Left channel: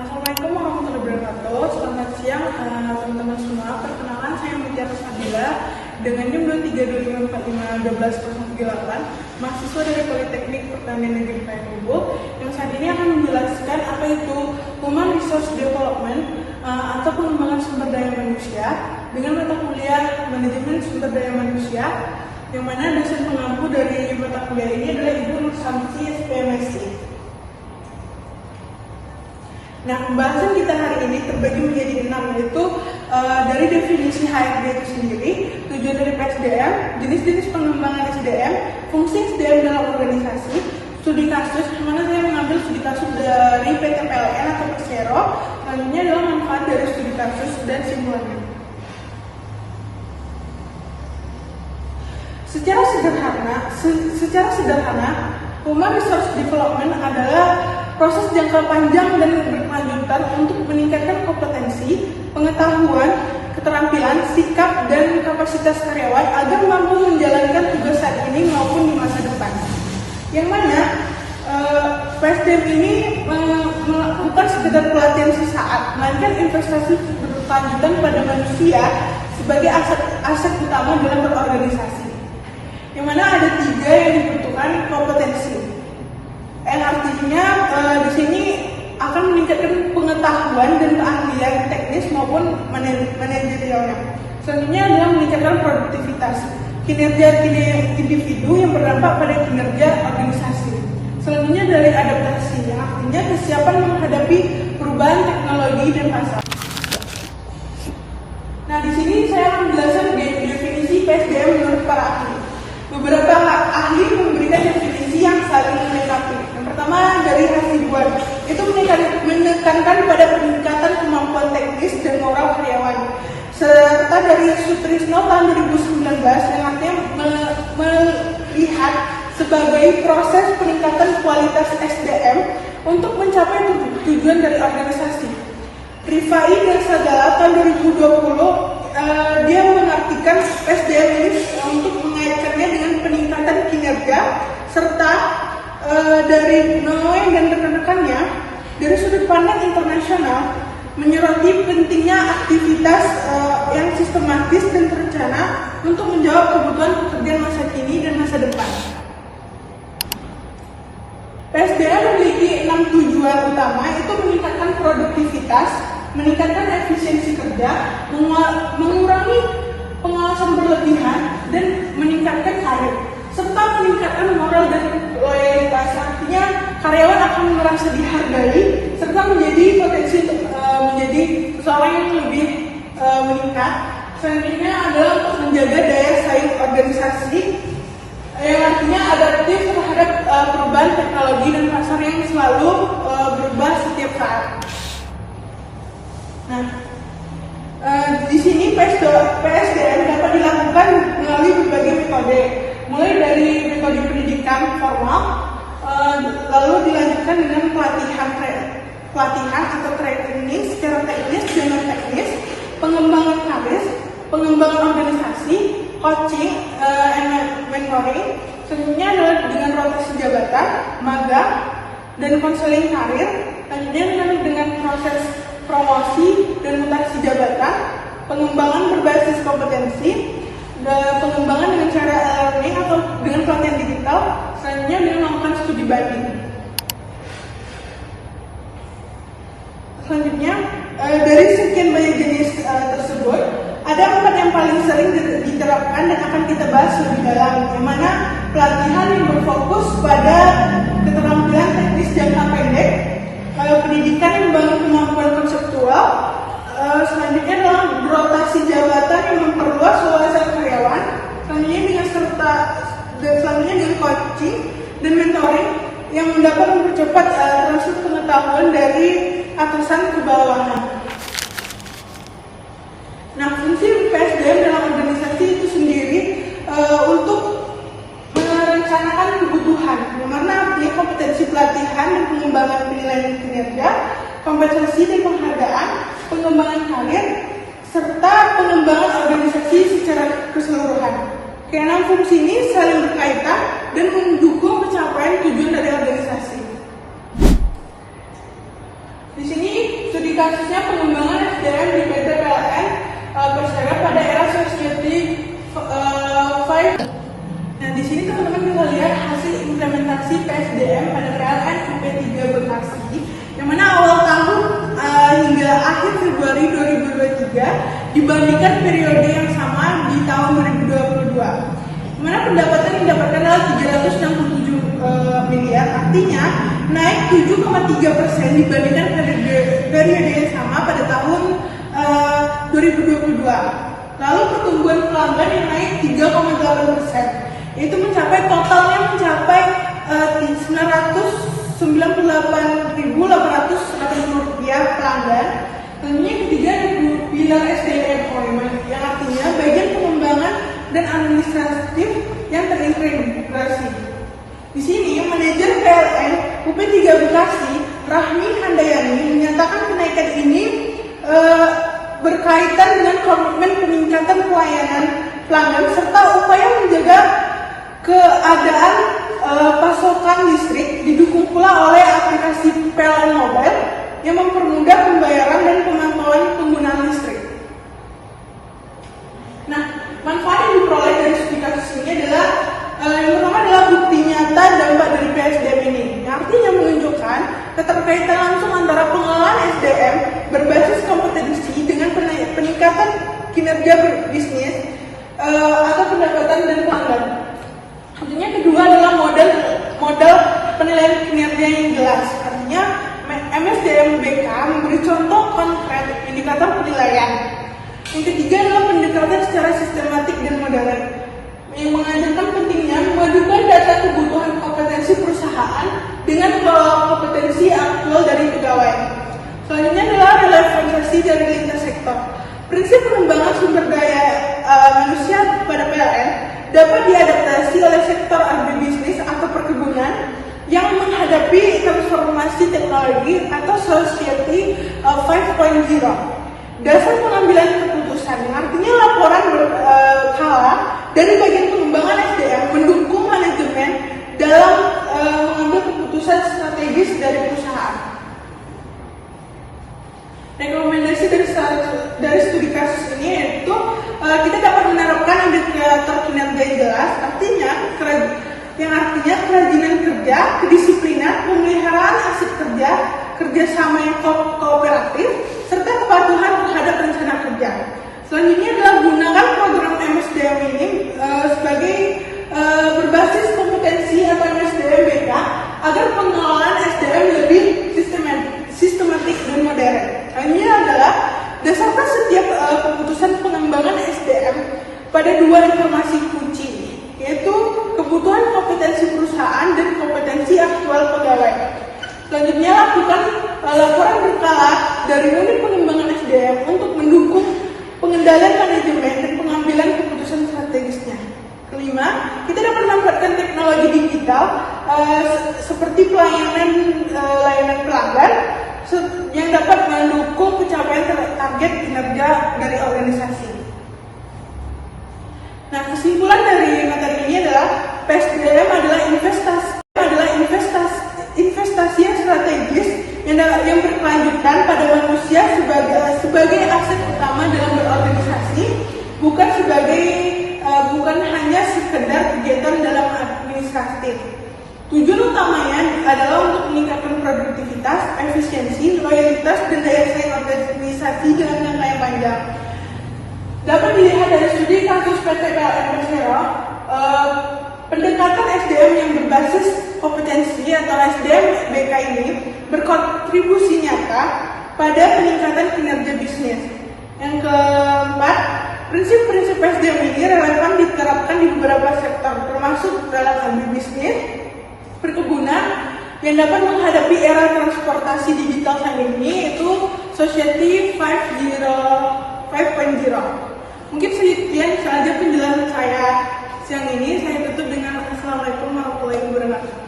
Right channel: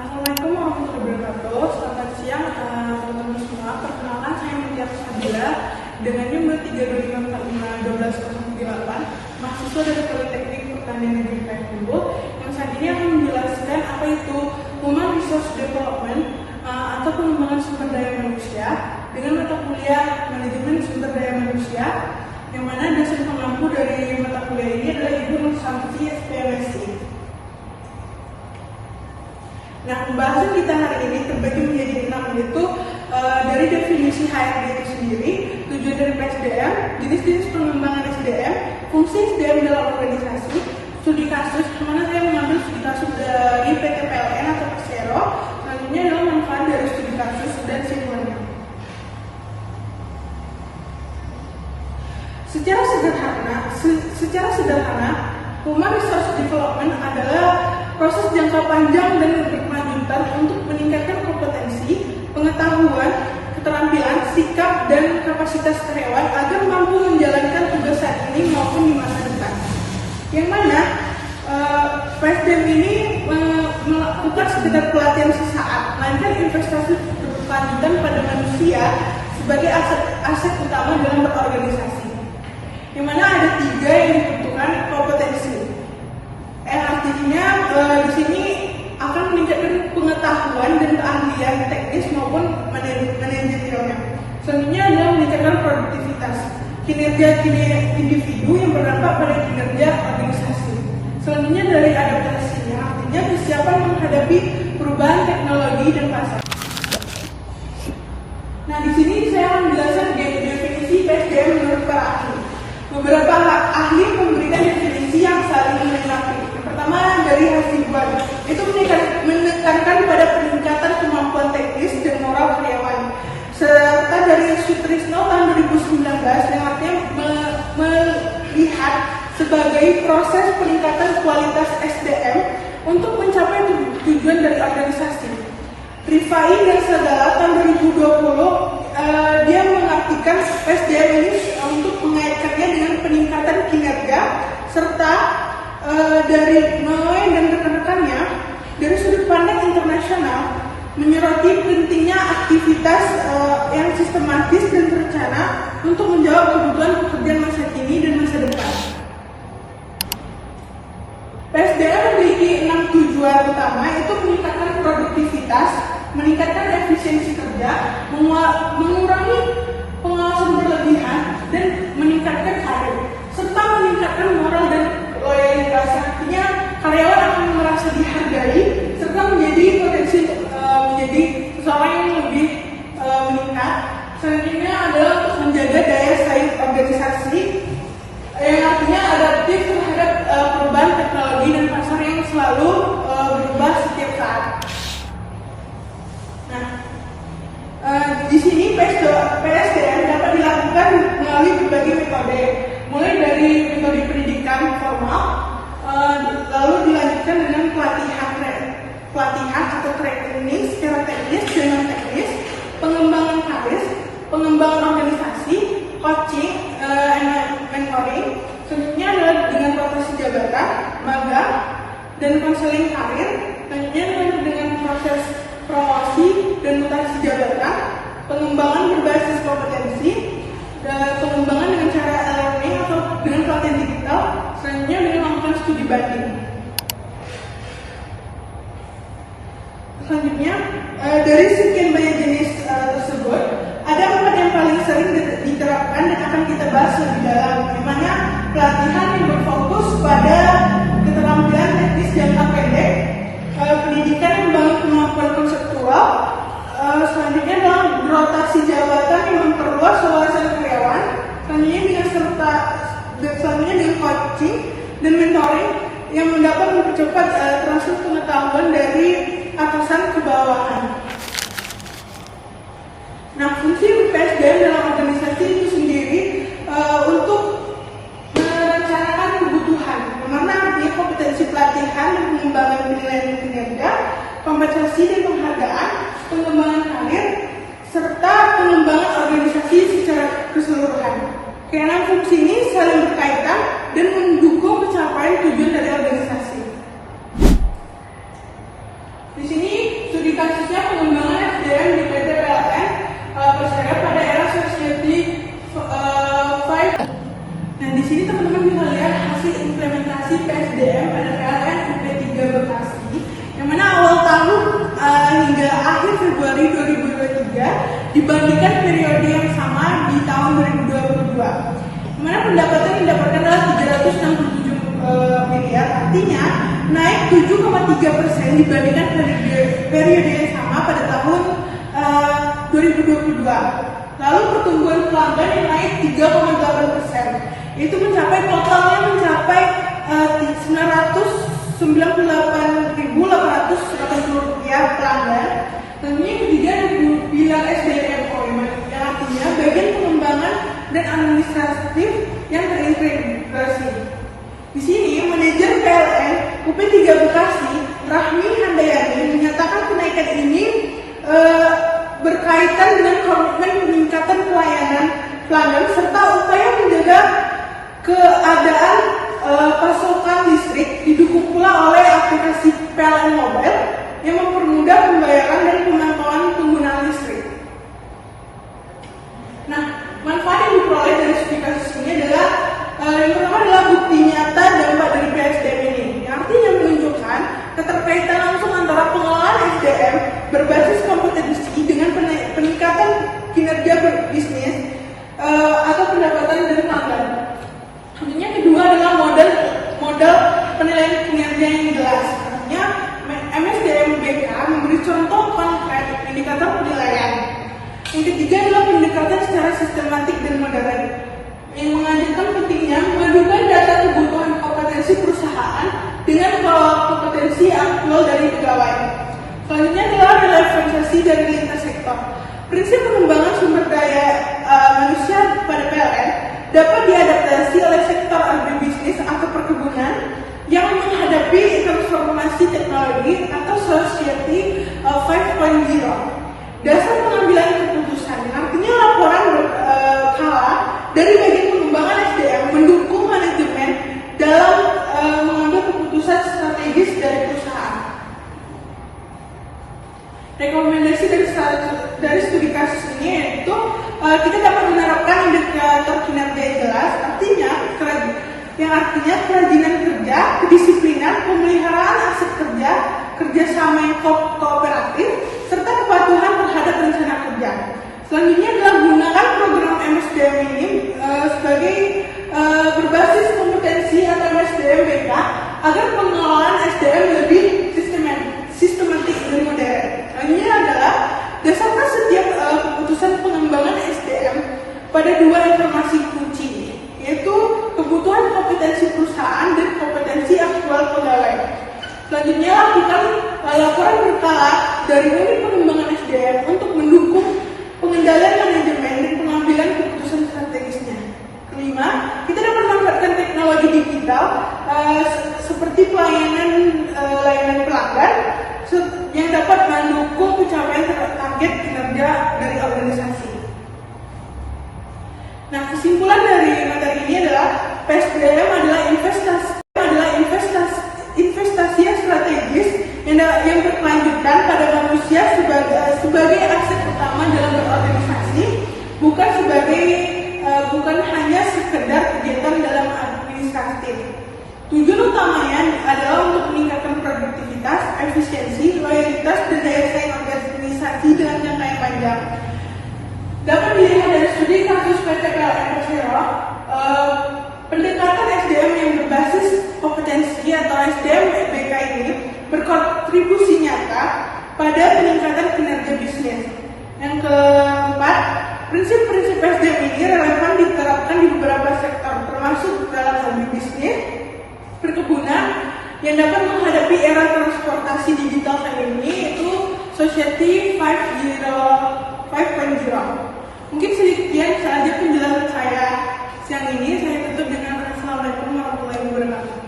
Assalamualaikum warahmatullahi wabarakatuh. Selamat siang teman-teman semua. Perkenalkan, saya Mutiara Sabila dengan nomor 325451208, mahasiswa dari Politeknik Pertanian Negeri Payakumbuh, yang saat ini akan menjelaskan apa itu Human Resource Development atau pengembangan sumber daya manusia dengan mata kuliah Manajemen Sumber Daya Manusia, yang mana dosen pengampu dari mata kuliah ini adalah Ibu Nur Samsi, SPMSc. Nah, pembahasan kita hari ini terbagi menjadi 6, yaitu dari definisi HRD itu sendiri, tujuan dari PSDM, jenis-jenis pengembangan SDM, fungsi SDM dalam organisasi, studi kasus, kemana saya mengambil studi kasus dari PT PLN atau Persero, selanjutnya adalah manfaat dari studi kasus dan simulasi. Secara sederhana, Human Resource Development adalah proses jangka panjang dan berkelanjutan untuk meningkatkan kompetensi, pengetahuan, keterampilan, sikap, dan kapasitas karyawan agar mampu menjalankan tugas saat ini maupun di masa depan. Yang mana PSDM ini bukan sekedar pelatihan sesaat, melainkan investasi berkelanjutan pada manusia sebagai aset utama dalam berorganisasi. Yang mana ada 3 yang dibutuhkan kompetensi. Yang artinya di sini akan meningkatkan pengetahuan dan keahlian teknis maupun manajerialnya. Selanjutnya adalah meningkatkan produktivitas, kinerja individu yang berdampak pada kinerja organisasi. Selanjutnya dari adaptasi, yang artinya kesiapan menghadapi perubahan teknologi dan pasar. Nah, di sini saya akan menjelaskan definisi PSDM menurut para ahli. Beberapa ahli memberikan definisi yang saling melengkapi. Yang pertama dari Hasibuan, itu menekankan pada peningkatan kemampuan teknis dan moral karyawan. Serta dari Sutrisno tahun 2019 yang artinya melihat sebagai proses peningkatan kualitas SDM untuk mencapai tujuan dari organisasi. Rifai dan Sadala tahun 2020 dia mengartikan SDM ini untuk mengaitkannya dengan peningkatan kinerja serta dari Noe dan rekan-rekannya dari sudut pandang internasional menyoroti pentingnya aktivitas yang sistematis dan terencana untuk menjawab kebutuhan pekerjaan masa kini dan masa depan. PSDM memiliki 6 tujuan utama, yaitu meningkatkan produktivitas, meningkatkan efisiensi kerja, mengurangi pengawasan berlebihan, dan meningkatkan karir, serta meningkatkan moral dan loyalitas. Artinya karyawan akan merasa dihargai, serta menjadi potensi untuk menjadi seseorang yang lebih meningkat. Selanjutnya adalah menjaga daya saing organisasi, yang artinya adaptif terhadap perubahan teknologi dan pasar yang selalu berubah setiap saat. Nah, di sini PSDM dapat dilakukan melalui berbagai metode, mulai dari metode pendidikan formal, lalu dilanjutkan dengan pelatihan atau training secara teknis dan non teknis, pengembangan karir, pengembangan organisasi, coaching, mentoring. Selanjutnya adalah dengan rotasi jabatan, magang, dan konseling karir. Selanjutnya dengan proses promosi dan mutasi jabatan, pengembangan berbasis kompetensi, dan pengembangan dengan cara e-learning atau dengan pelatihan digital. Selanjutnya dengan melakukan studi banding. Selanjutnya dari sekian banyak jenis tersebut, ada 4 yang paling sering diterapkan dan akan kita bahas lebih dalam, yang mana pelatihan yang berfokus pada keterampilan teknis jangka pendek, pendidikan yang membangun kemampuan konseptual, selanjutnya adalah rotasi jabatan yang memperluas wawasan karyawan, selanjutnya dengan coaching dan mentoring yang dapat mempercepat transfer pengetahuan dari atasan ke bawahan. Nah, fungsi PSDM dalam organisasi itu sendiri untuk merencanakan kebutuhan, mana artinya kompetensi pelatihan dan pengembangan penilaian kinerja, kompetensi dan penghargaan, pengembangan karir, serta pengembangan organisasi secara keseluruhan. Keenam fungsi ini saling berkaitan dan mendukung pencapaian tujuan dari organisasi. Di sini kasusnya pengembangan SDM di PT PLN Persero pada era Society 5. Nah, di sini teman-teman bisa lihat hasil implementasi PSDM pada PLN UP3 Bekasi, yang mana awal tahun hingga akhir Februari 2023 dibandingkan periode yang sama di tahun 2022. Di mana pendapatan yang didapatkan adalah 367 miliar, artinya naik 7,3% dibandingkan periode yang sama pada tahun 2022. Lalu pertumbuhan pelanggan yang naik 3,8%, itu totalnya mencapai 998.880 rupiah pelanggan. Tentunya ketiga pilar SDM, yang artinya bagian pengembangan dan administratif yang terintegrasi. Di sini manajer PLN UP3 Bekasi, Rahmi Handayani, menyatakan kenaikan ini berkaitan dengan komitmen peningkatan pelayanan pelanggan serta upaya menjaga keadaan pasokan listrik, didukung pula oleh aplikasi PLN Mobile yang mempermudah pembayaran dan pemantauan penggunaan listrik. Nah, manfaat yang diperoleh dari studi kasus ini adalah yang pertama adalah bukti nyata dampak dari PSDM ini, yang artinya menunjukkan keterkaitan langsung antara pengelolaan SDM berbasis kompetensi dengan peningkatan kinerja bisnis atau pendapatan dan pelanggan. Yang kedua adalah model penilaian kinerja yang jelas. Artinya MSDM BK memberi contoh konkret indikator penilaian. Yang ketiga adalah pendekatan secara sistematik dan modern, yang mengajarkan pentingnya memadukan data kebutuhan kompetensi perusahaan dengan kompetensi aktual dari pegawai. Selanjutnya adalah relevansi dari lintas sektor. Prinsip pengembangan sumber daya manusia pada PLN dapat diadaptasi oleh sektor agribisnis atau perkebunan yang menghadapi transformasi teknologi atau Society 5.0. Dasar pengambilan keputusan, artinya laporan berkala dari bagian pengembangan SDM mendukung manajemen dalam mengambil keputusan strategis dari perusahaan. Rekomendasi dari studi kasus ini yaitu kita dapat menerapkan indikator kinerja yang jelas, artinya kerajinan kerja, kedisiplinan, pemeliharaan aset kerja, kerjasama yang kooperatif, serta kepatuhan terhadap rencana kerja. Selanjutnya adalah gunakan program MSDM ini sebagai berbasis kompetensi atau MSDM BK agar pengelolaan SDM lebih sistematik dan modern. Ini adalah dasarkan setiap keputusan pengembangan SDM pada dua informasi kunci, yaitu kebutuhan kompetensi perusahaan dan kompetensi aktual pegawai. Selanjutnya lakukan laporan berkala dari unit pengembangan SDM untuk mendukung pengendalian manajemen dan pengambilan keputusan strategisnya. Kelima, kita dapat memanfaatkan teknologi digital seperti layanan pelanggan yang dapat mendukung pencapaian target kinerja dari organisasi. Nah, kesimpulan dari materi ini adalah PSDM adalah investasi yang strategis yang berkelanjutan pada manusia sebagai aset utama dalam berorganisasi, bukan hanya sekedar kegiatan dalam administratif. Tujuan utamanya adalah untuk meningkatkan produktivitas, efisiensi, loyalitas, dan daya saing organisasi dengan jangka yang panjang. Dapat dilihat dari studi kasus PT PLN Persero, pendekatan SDM yang berbasis kompetensi atau SDM BK ini berkontribusi nyata pada peningkatan kinerja bisnis. Yang keempat, prinsip-prinsip SDM ini relevan diterapkan di beberapa sektor, termasuk dalam agribisnis, perkebunan, yang dapat menghadapi era transportasi digital saat ini, yaitu Society 5.0. Mungkin sedikit saja penjelasan saya siang ini. Saya tutup dengan Assalamualaikum warahmatullahi wabarakatuh.